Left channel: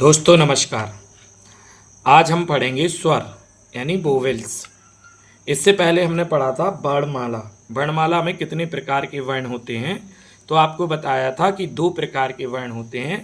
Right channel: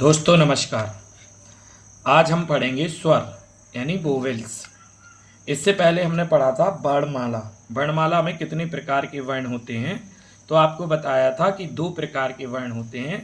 दोस्तों नमस्कार। आज हम पढ़ेंगे स्वर यानी वोवेल्स। इससे पहले हमने पढ़ा था वर्णमाला। वर्णमाला में कितने प्रकार के वर्ण होते हैं, तो आपको बताया था कि दो प्रकार के वर्ण होते हैं,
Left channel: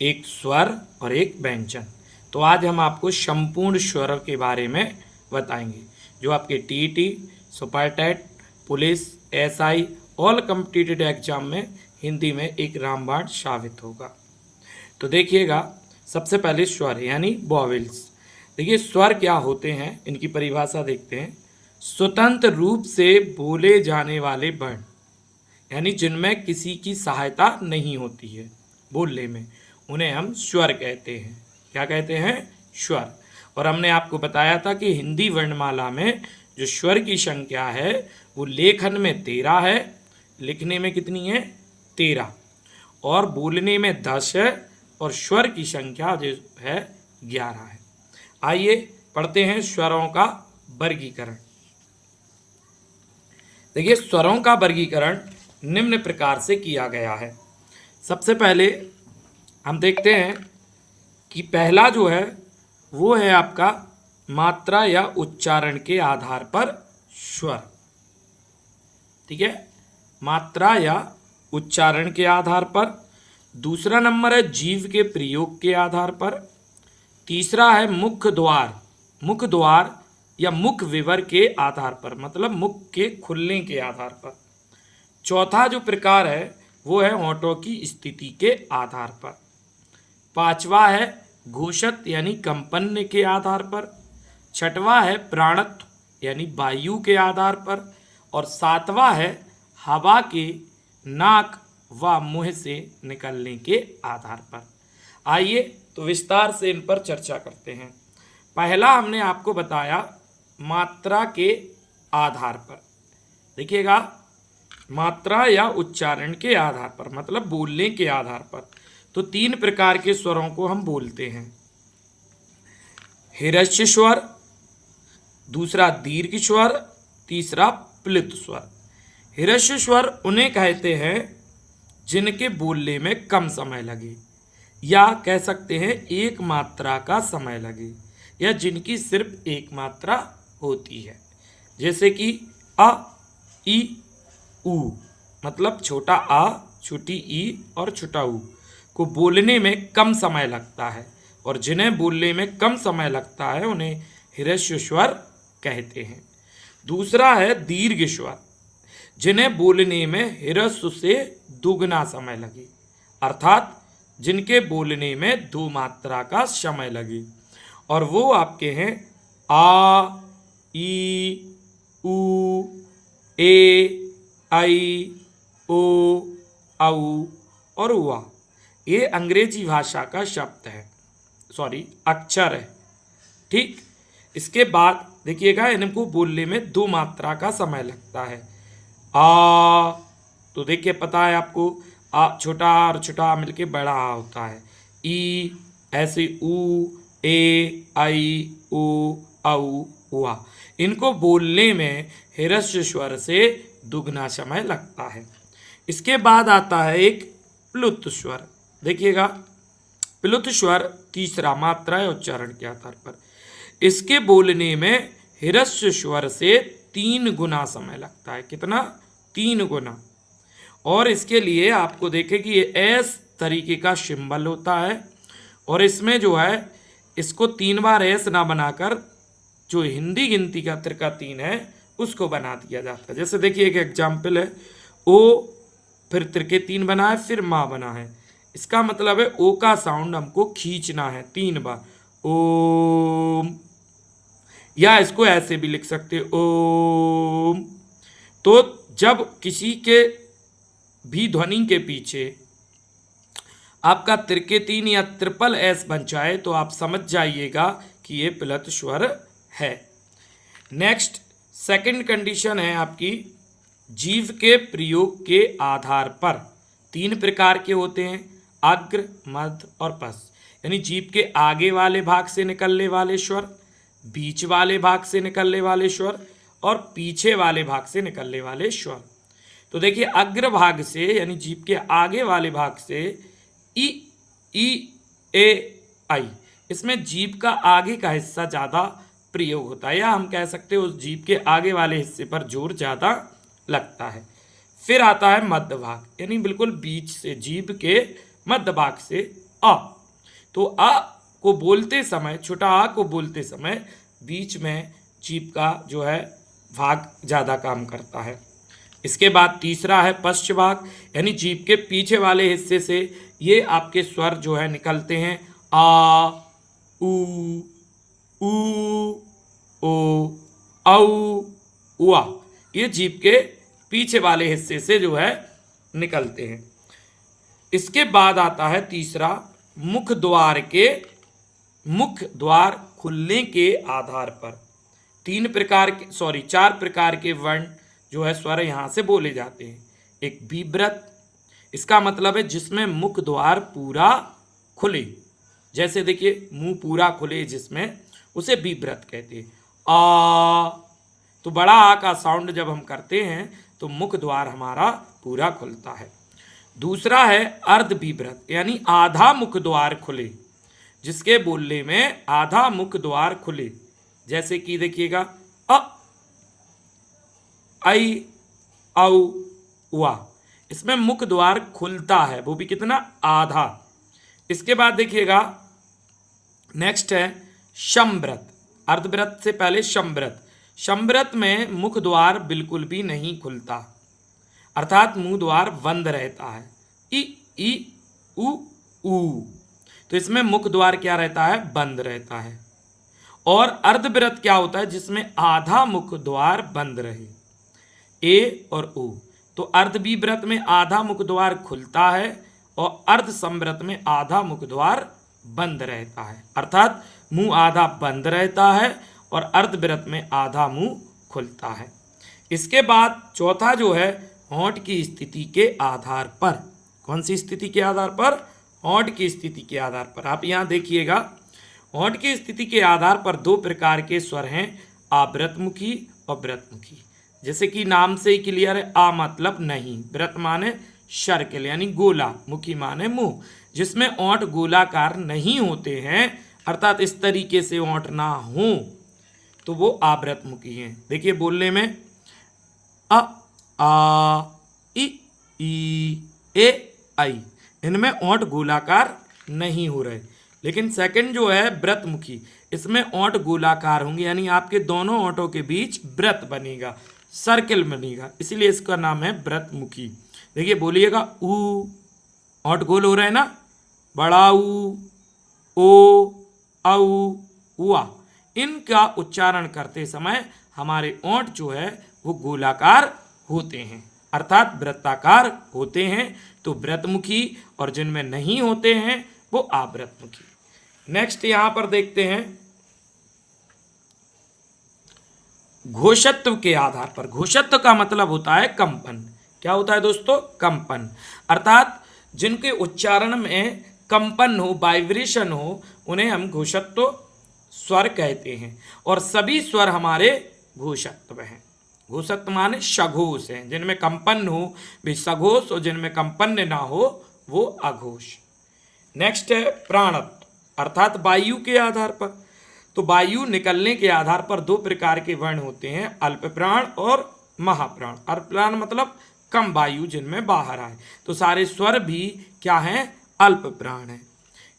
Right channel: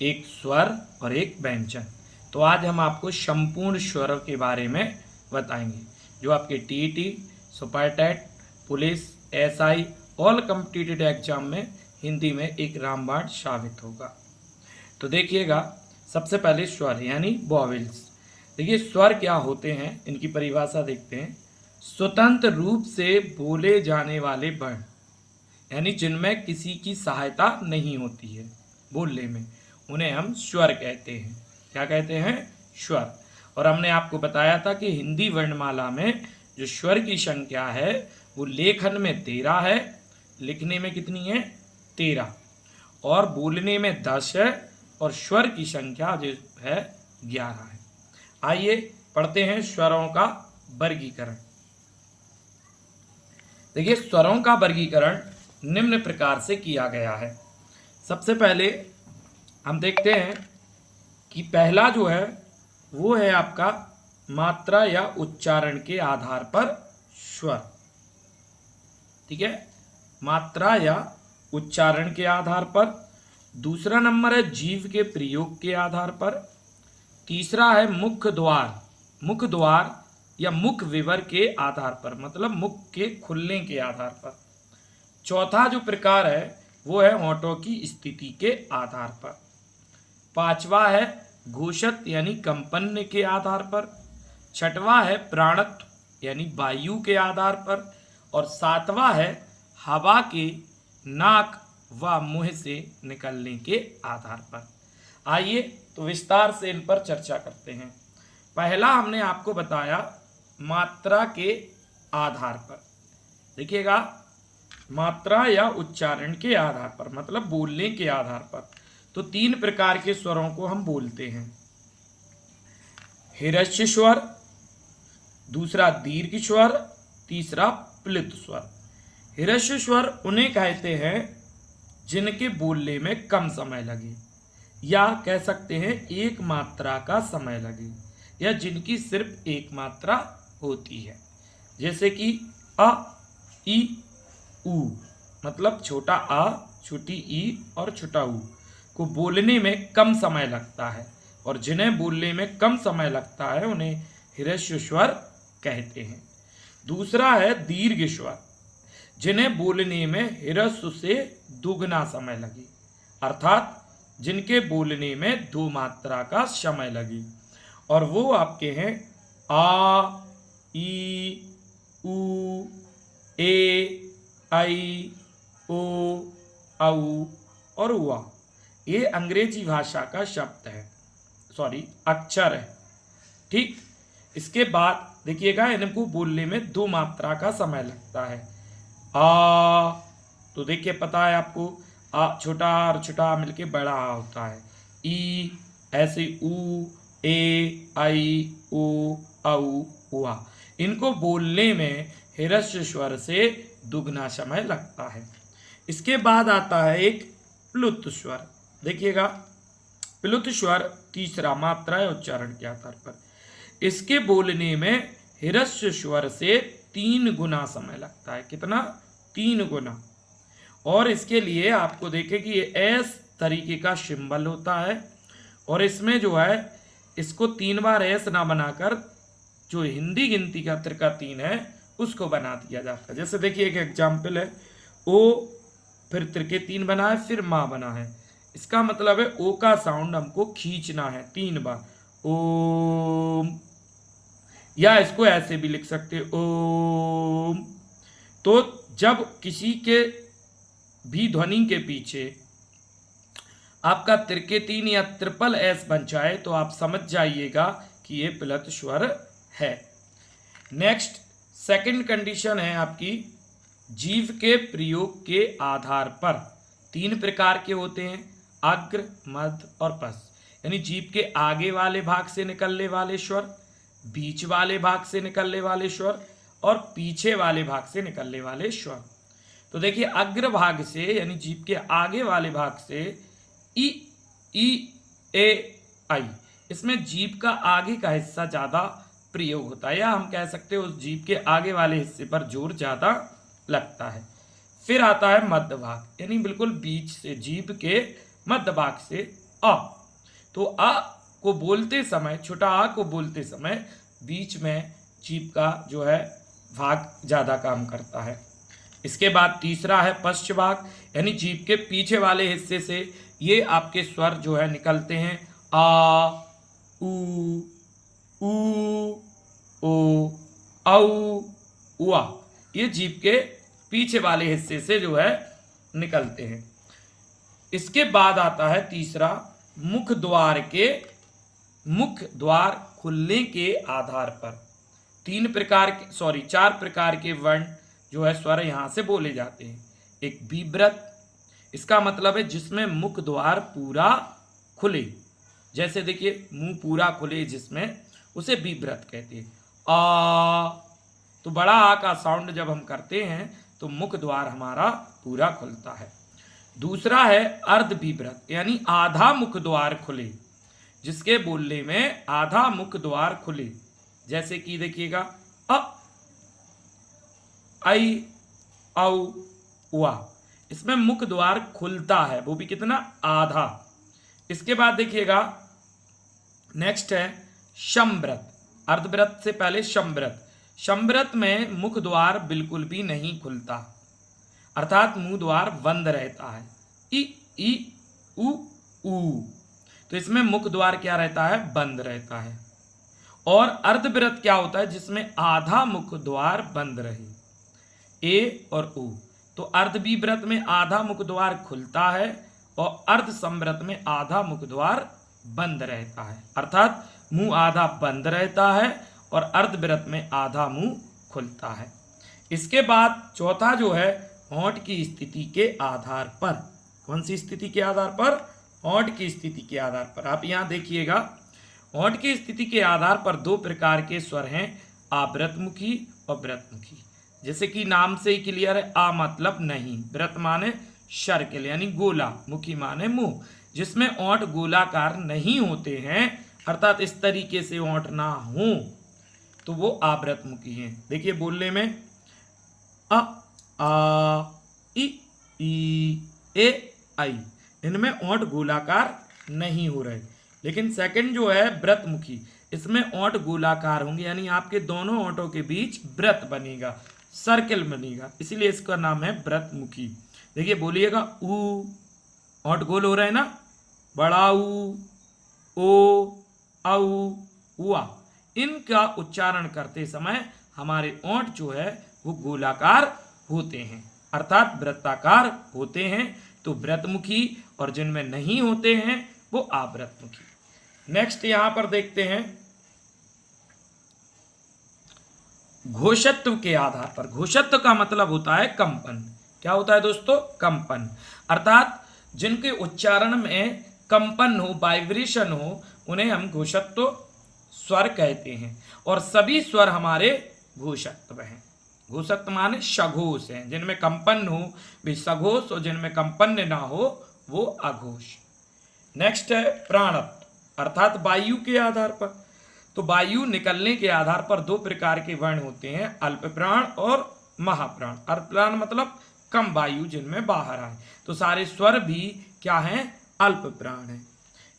एक स्वर और एक व्यंजन। तो आज हम आपको संपूर्ण स्वर के बारे में बताएंगे, जो आपके TET, super TET, police, SI all competitive exam में हिंदी में एक रामबाण साबित होगा। तो देखिएगा, सबसे पहले स्वर यानी वॉवेल्स। देखिए स्वर क्या होते हैं, इनकी परिभाषा देखते हैं। स्वतंत्र रूप से बोले जाने वाले वर्ण, यानी जिनमें किसी की सहायता नहीं होती है बोलने में, उन्हें हम स्वर कहते हैं। क्या कहते हैं? स्वर। और हमने आपको बताया था कि हिंदी वर्णमाला में जो स्वर की संख्या है वो लेखन में 13 है, लिखने में कितनी है? 13, और बोलने में 10 है, और स्वर की संख्या जो है 11 है। आइए पढ़ते हैं स्वरों का वर्गीकरण। देखिए स्वरों का वर्गीकरण निम्न प्रकार से किया गया है। सबसे पहले हम देखते हैं कि पहला जो है वो है आपका मात्रा या उच्चारण के आधार पर स्वर। ठीक है, मात्रा या उच्चारण के आधार पर। दूसरा नंबर है जीव के प्रयोग के आधार पर। तीसरा है मुख द्वार या मुख विवर के आधार पर, मतलब मुख के खुलने के आधार पर। चौथा जो प्रकार है वो है होंठों की स्थिति के आधार पर। पांचवा है घोषत यानी कंपन के आधार पर। छठवां है प्राणत्व यानी वायु के आधार पर। और सातवां है हवा के नाक व मुंह से निकलने के आधार पर। आइए तो विस्तार से इन पर चर्चा करते हैं। पहला हमने आपको बताया मात्रा के आधार पर। देखिएगा, मात्रा या उच्चारण के आधार पर मतलब बोलने के आधार पर। तो तीन प्रकार के स्वरों को हम बोलते हैं। हिरस्व स्वर, दूसरा दीर्घ स्वर, तीसरा प्लुत स्वर। हिरस्व स्वर उन्हें कहते हैं जिनके बोलने में कम समय लगे, या कह सकते हैं एक मात्रा का समय लगे, या जिनकी सिर्फ एक मात्रा होती है। जैसे कि अ, ई, उ, मतलब छोटा आ, छोटी ई और छोटा ऊ को बोलने में कम समय लगता है, और जिन्हें बोलने में कम समय लगता है उन्हें हिरस्व स्वर कहते हैं। दूसरा है दीर्घ स्वर, जिन्हें बोलने में हिरस्व से दुगना समय लगे, अर्थात जिनके बोलने में दो मात्रा का समय लगे, और वो आपके हैं आ, ई, उ, ए, आई, ओ, औ और उआ। ये अंग्रेजी भाषा का शब्द है, अक्षर है। ठीक, इसके बाद देखिएगा, इनको बोलने में दो मात्रा का समय लगता है। आ, तो देखिए पता है आपको, आ छोटा और छोटा मिलके बड़ा आ होता है। ई, ऐसे उ, ए, आई, ओ, औ, उआ। इनको बोलने में हिरस्व स्वर से दुगना समय लगता है। इसके बाद आता है एक प्लुत स्वर। देखिएगा, प्लुत स्वर तीसरा मात्रा या उच्चारण के आधार पर। इसके बोलने में हिरस्व स्वर से 3 गुना समय लगता है। कितना? 3 गुना। और इसके लिए आपको देखें कि ये एस तरीके का सिंबल होता है, और इसमें जो है इसको 3 बार एस ना बनाकर जो हिंदी गिनती का त्रिका 3 है उसको बना दिया जाता है। जैसे देखिए एक एग्जाम्पल है, ओ फिर त्रिके 3 बना है, फिर माँ बना है। इसका मतलब है ओ का साउंड हमको खींचना है 3 बार, ओम। या इसको ऐसे भी लिख सकते ओम। तो जब किसी के भी ध्वनि के पीछे आपका त्रिके 3 या ट्रिपल एस बन जाए तो आप समझ जाइएगा कि ये प्लुत स्वर है। नेक्स्ट सेकंड कंडीशन है आपकी जीव के प्रयोग के आधार पर। 3 प्रकार के होते हैं, अग्र, मध्य और पश्च। यानी जीव के आगे वाले भाग से निकलने वाले स्वर, बीच वाले भाग से निकलने वाले स्वर, और पीछे वाले भाग से निकलने वाले स्वर। तो देखिए अग्र भाग से यानी जीभ के आगे वाले भाग से ई, ई, ए, आई। इसमें जीभ का आगे का हिस्सा ज़्यादा प्रयोग होता है, या हम कह सकते हैं उस जीभ के आगे वाले हिस्से पर जोर ज़्यादा लगता है। फिर आता है मध्य भाग, यानी बिल्कुल बीच से, जीभ के मध्य भाग से अ। तो अ को बोलते समय, छोटा आ को बोलते समय बीच में जीभ का जो है भाग ज़्यादा काम करता है। इसके बाद तीसरा है पश्च भाग, यानी जीभ के पीछे वाले हिस्से से ये आपके स्वर जो है निकलते हैं, आ, ऊ, ओ, औ, उआ। ये जीभ के पीछे वाले हिस्से से जो है निकलते हैं। इसके बाद आता है तीसरा, मुख द्वार खुलने के आधार पर चार प्रकार के वर्ण जो है स्वर यहाँ से बोले जाते हैं। एक बीव्रत, इसका मतलब है जिसमें मुख द्वार पूरा खुले, जैसे देखिए मुंह पूरा खुले जिसमें, उसे बीव्रत कहते हैं। आ, तो बड़ा आ का साउंड जब हम करते हैं तो मुख द्वार हमारा पूरा खुलता है। दूसरा है अर्ध बीव्रत, यानी आधा मुख द्वार खुले, जिसके बोलने में आधा मुख द्वार खुले, जैसे कि देखिएगा अ, आई, औ, उआ। इसमें मुख द्वार खुलता है, वो भी कितना, आधा। इसके बाद देखिएगा नेक्स्ट है शमव्रत, अर्धव्रत से पहले शमव्रत। शमव्रत में मुख द्वार बिल्कुल भी नहीं खुलता, अर्थात मुंह द्वार बंद रहता है, ई उ ऊ। तो इसमें मुख द्वार क्या रहता है, बंद रहता है। और अर्धव्रत क्या होता है, जिसमें आधा मुख द्वार बंद रहे, ए और उ। तो अर्धविव्रत में आधा मुख द्वार खुलता है और अर्ध संव्रत में आधा मुख द्वार बंद रहता है, अर्थात मुंह आधा बंद रहता है और अर्धव्रत में आधा मुंह खुलता है। इसके बाद चौथा जो है, होंठ की स्थिति के आधार पर। कौन सी स्थिति के आधार पर, होंठ की स्थिति के आधार पर। आप यहाँ देखिएगा, होंठ की स्थिति के आधार पर दो प्रकार के स्वर हैं, आवृतमुखी और व्रतमुखी। जैसे कि नाम से ही क्लियर है, आ मतलब नहीं, व्रत माने सर्किल यानी गोला, मुखी माने मुंह, जिसमें होंठ गोलाकार नहीं होते हैं, अर्थात इस तरीके से होंठ ना हो, तो वो आवृतमुखी हैं। देखिए बोलने में अ, आ, ई, ए, आई, इनमें होंठ गोलाकार नहीं हो रहे। लेकिन सेकंड जो है व्रतमुखी, इसमें होंठ गोलाकार होंगे, यानी आपके दोनों होंठों के बीच व्रत बनेगा, सर्किल बनेगा, इसलिए इसका नाम है व्रतमुखी। देखिए बोलिएगा, ऊ, होंठ गोल हो रहे हैं ना, बड़ा ऊ, ओ, औ, उआ। इनका उच्चारण करते समय हमारे होंठ जो है वो गोलाकार होते हैं, अर्थात वृत्ताकार होते हैं। तो व्रतमुखी, और जिनमें नहीं होते हैं वो आवृतमुखी। नेक्स्ट यहां पर देखते हैं घोषत्व के आधार पर। घोषत्व का मतलब होता है कंपन। क्या होता है दोस्तों, कंपन, अर्थात जिनके उच्चारण में कंपन हो, वाइब्रेशन हो, उन्हें हम घोषत्व स्वर कहते हैं। और सभी स्वर हमारे घोषत्व हैं। घोषत्व माने सघोष हैं, जिनमें कंपन हो वे सघोष, और जिनमें कंपन ना हो वो अघोष। नेक्स्ट है प्राणत्व, अर्थात वायु के आधार पर। तो वायु निकलने के आधार पर दो प्रकार के वर्ण होते हैं, अल्प प्राण और महाप्राण। अल्प प्राण मतलब कम वायु जिनमें बाहर आए, तो सारे स्वर भी क्या हैं, अल्प प्राण हैं।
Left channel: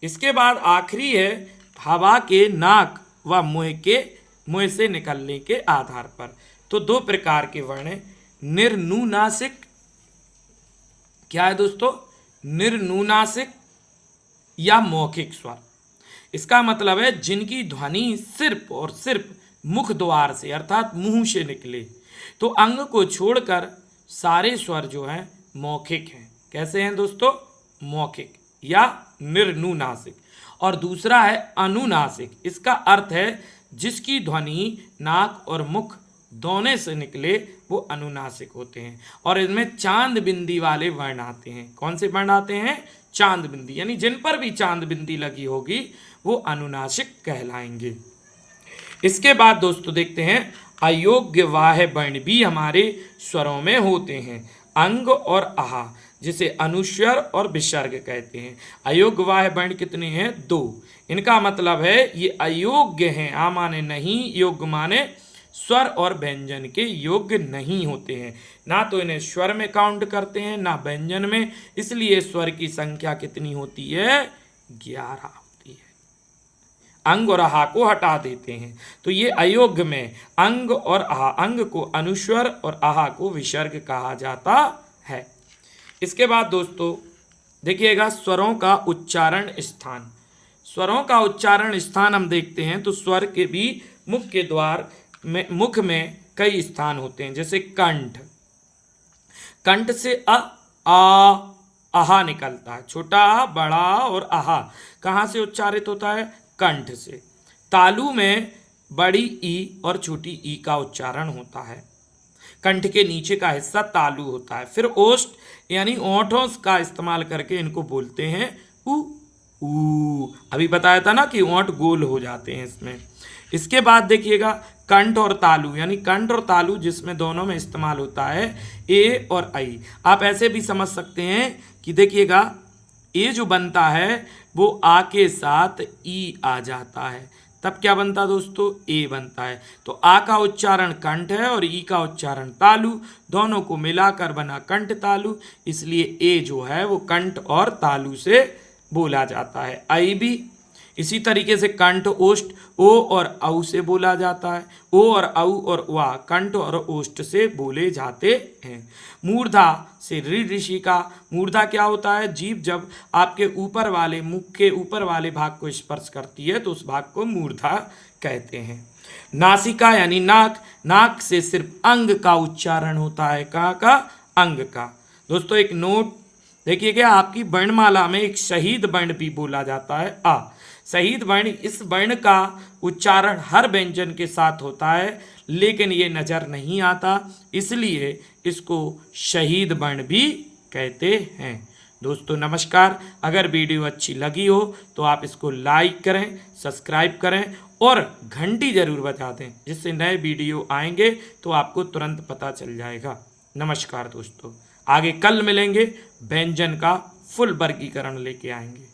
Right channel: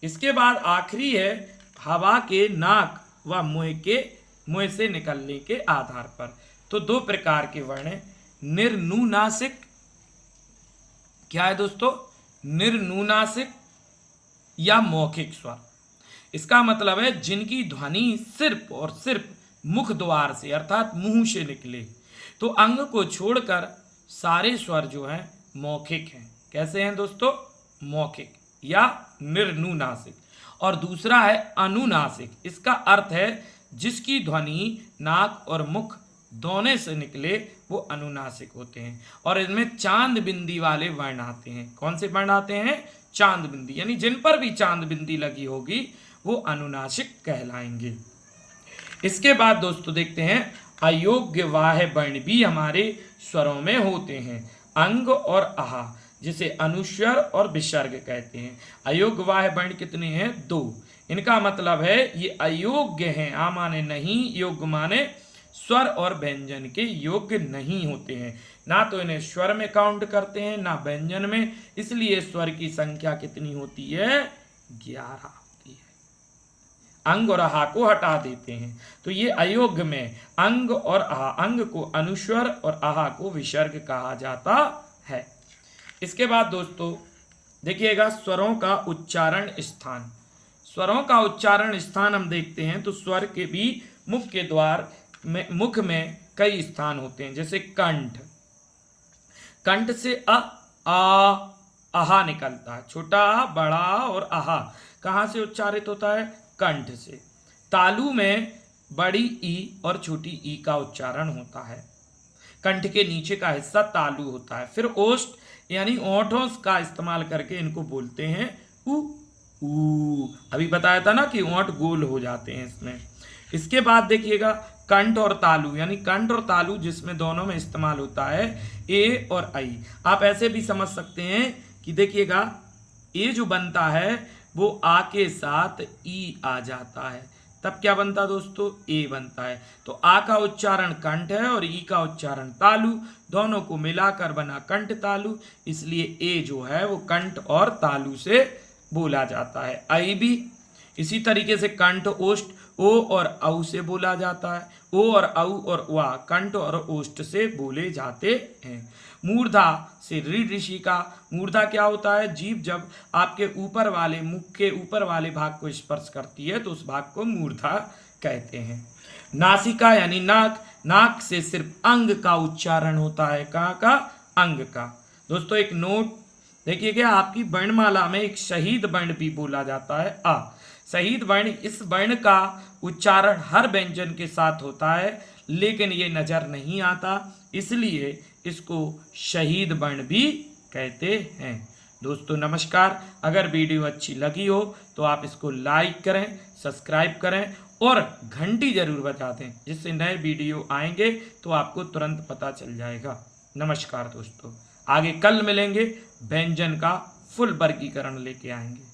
इसके बाद आखिरी है हवा के नाक व मुंह से निकलने के आधार पर। तो दो प्रकार के वर्ण हैं, निर्नुनासिक, क्या है दोस्तों, निर्नुनासिक या मौखिक स्वर। इसका मतलब है जिनकी ध्वनि सिर्फ और सिर्फ मुख द्वार से, अर्थात मुंह से निकले। तो अंग को छोड़कर सारे स्वर जो हैं मौखिक हैं। कैसे हैं दोस्तों, मौखिक या निर्नुनासिक। और दूसरा है अनुनासिक, इसका अर्थ है जिसकी ध्वनि नाक और मुख दोनों से निकले, वो अनुनासिक होते हैं। और इनमें चांद बिंदी वाले वर्ण आते हैं। कौन से वर्ण आते हैं, चांद बिंदी, यानी जिन पर भी चांद बिंदी लगी होगी वो अनुनासिक कहलाएंगे। इसके बाद दोस्तों देखते हैं अयोग्य वाह वर्ण भी हमारे स्वरों में होते हैं, अंग और आहा। जिसे अनुस्वर और विसर्ग कहते हैं। अयोग्य वाह वर्ण कितने हैं? 2। इनका मतलब है ये अयोग्य हैं। आ माने नहीं, योग्य माने स्वर और व्यंजन के योग्य नहीं होते हैं। ना तो इन्हें स्वर में काउंट करते हैं ना व्यंजन में, इसलिए स्वर की संख्या कितनी होती है? 11 होती है। अंग और आहा को हटा देते हैं तो ये अयोग्य में अंग और आहा, अंग को अनुस्वर और आहा को विसर्ग कहा जाता है। इसके बाद दोस्तों देखिएगा स्वरों का उच्चारण स्थान। स्वरों का उच्चारण स्थान हम देखते हैं तो स्वर के भी मुख्य द्वार में, मुख में कई स्थान होते हैं। जैसे कंठ, कंठ से अ, आ, आहा निकलता है। छोटा आ, बड़ा आ और आहा कहाँ से उच्चारित होता है? कंठ से। तालु में बड़ी ई और छोटी ई का उच्चारण होता है। कंठ के नीचे का हिस्सा तालु होता है। फिर ओष्ठ यानी ओंठों का इस्तेमाल करके इनको बोलते हैं उ, ऊ। अभी बताया था ना कि ओंठ गोल हो जाते हैं इसमें। इसके बाद देखिएगा कंठ और तालु, यानी कंठ और तालु जिसमें दोनों में इस्तेमाल होता है ए और आई। आप ऐसे भी समझ सकते हैं कि देखिएगा ए जो बनता है वो आ के साथ ई आ जाता है, तब क्या बनता दोस्तों? ए बनता है। तो आ का उच्चारण कंठ है और ई का उच्चारण तालु, दोनों को मिलाकर बना कंठ तालु, इसलिए ए जो है वो कंठ और तालु से बोला जाता है। आई भी इसी तरीके से कंठ ओष्ठ ओ और औ से बोला जाता है। ओ और औ और वा कंठ और ओष्ठ से बोले जाते हैं। मूर्धा से रीढ़ ऋषि का, मूर्धा क्या होता है? जीभ जब आपके ऊपर वाले, मुख के ऊपर वाले भाग को स्पर्श करती है तो उस भाग को मूर्धा कहते हैं। नासिका यानी नाक, नाक से सिर्फ अंग का उच्चारण होता है। कहाँ का? अंग का। दोस्तों एक नोट देखिएगा, आपकी वर्णमाला में एक शहीद वर्ण भी बोला जाता है आ। शहीद वर्ण, इस वर्ण का उच्चारण हर व्यंजन के साथ होता है लेकिन ये नजर नहीं आता, इसलिए इसको शहीद वर्ण भी कहते हैं। दोस्तों नमस्कार। अगर वीडियो अच्छी लगी हो तो आप इसको लाइक करें, सब्सक्राइब करें और घंटी जरूर बजा दें, जिससे नए वीडियो आएंगे तो आपको तुरंत पता चल जाएगा। नमस्कार दोस्तों। आगे कल मिलेंगे, व्यंजन का फुल वर्गीकरण लेके आएंगे।